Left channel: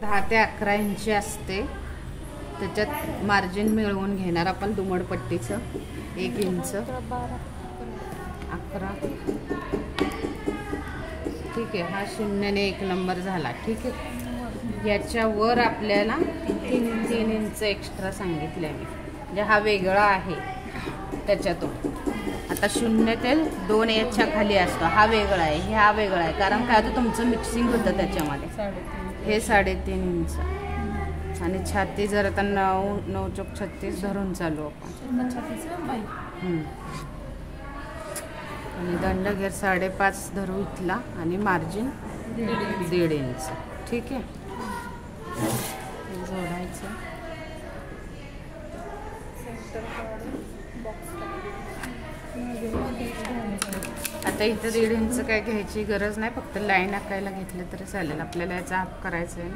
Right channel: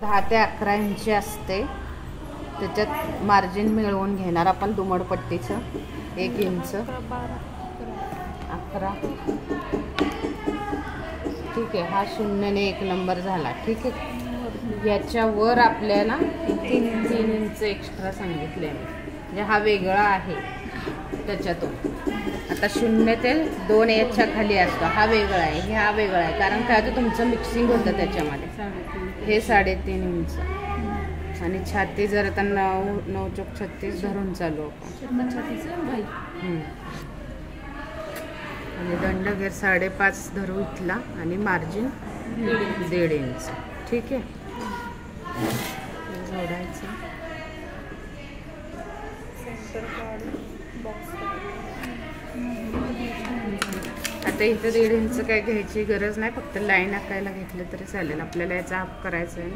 10 ते 11 इंची असते, त्याच्यात मार्जिन मिळवून घेणार आपण दुमडपट्टीचं 1 इंच 11. ठीक आहे, हा 0 ने 1 नंबर झाला. ठीक आहे, याच्यावर आपल्याला 3 इंच एक्स्ट्रा सांगितले, म्हणजे हा वेगळा आहे त्याच्यातून. आता 0 ते 2 याच्या खाली असतो, हा वेगळा आहे, हे हा वेगळा आहे. कारण काय होतं, तुमचं मिक्सिंग होतं त्याच्यामध्ये. हे 3.5 इंच. आणि छाती जर आता 9 चौक 36 धरून चालू आपण. आणि दंडगेर 5.5 धरू इथला आणि मार्जिन 1.5 इंच. ठीक आहे, जोडायचं. आता इथं 1.5 इंच काय घ्यायची गरज नाही, फक्त लाईन आखायला घेतलं तरी चालेल. आपल्याला याचा हाफ करायचा आहे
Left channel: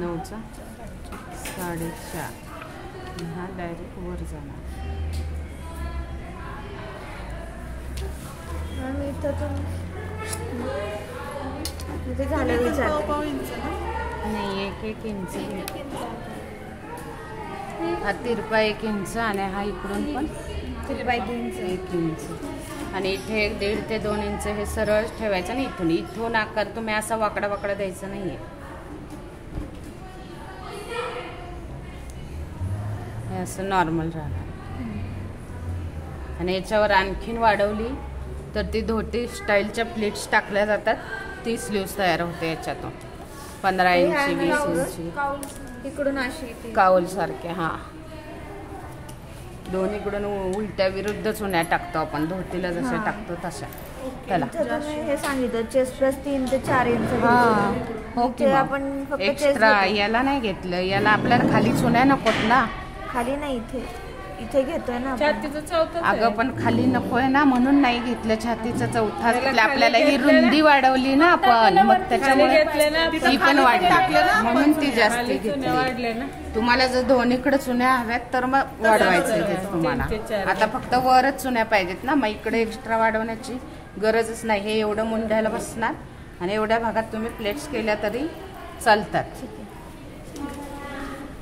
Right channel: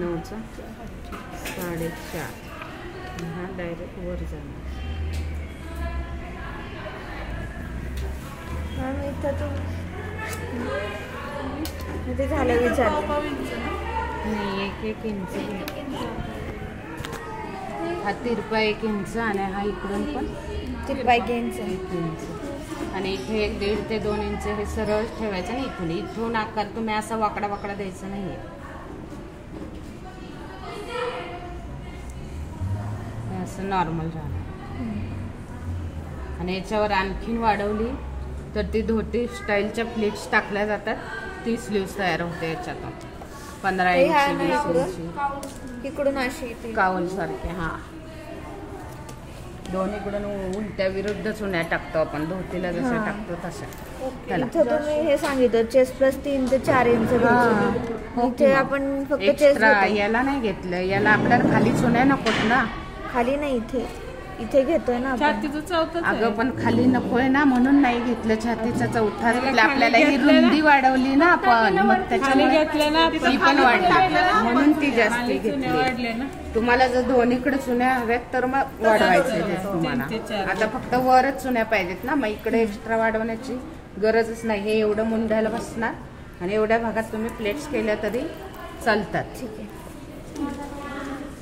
9चा 4.5. हा डायरेक्ट वर जाणार. नाही, 1 इंच. हा तिरपा 1 इंच आणि हा इकडून पण तिरपा 1 इंच. आणि इथे 1.5 ते 2 इंच हे सरळ ठेवायचं नाही. इथून आकार तुम्ही असा वाकडा वाकडा द्यायचा नाहीये, असं नॉर्मल राहणार. आणि याच्यावर आणखीन वाढवली तर ती धोती स्टाईलच्या प्लेट्स टाकल्या जातात, ती स्लीव्स तयार होते याच्यातून. 15 इंची 20 इंची इकडून अशी काउल सारखे. हा, दोन्हीकडून उलट्या विरुद्ध चुन्या टाकतो आपण, धोतीला जसे टाकतो तशा. त्याला हे सांगितलं चेस्ट प्लस 3 ते 4 इंच. ओके, आपण फक्त एक्स्ट्रा याला नाही घेतलं, याला आपल्याला खाली चुन्या नकोत ना. खाली नाही, इथे घेतोय ना अगं, पण खाली नकोय ना, म्हणून नाही घेतलं. छातीचा 4था आपल्याला ही रुंदी वाढवली ना आपण, मग त्याच्यामुळे ती पण वाढली, म्हणून ती जास्त घेतली. तुम्हाला जर दोन्हीकडे चुन्या हव्यात तर मग वाढवायचं तुम्हाला. आता फक्त वरच चुन्या पाहिजेत ना, मग इकडे एक्स्ट्रा वाढवण्याची गरजच नाही. हे एवढं मुंड्याला बसणार आणि एवढ्या भागात तुम्ही प्लेट्स केल्या तरी चालतात,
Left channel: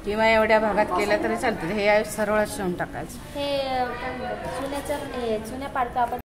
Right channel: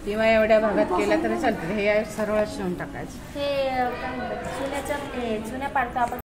किंवा एवढ्या भागात केल्या तरी चालतात. हे सरळ शिवून टाकायचं. हे काय म्हणतात, चुन्या पाडतो आपण.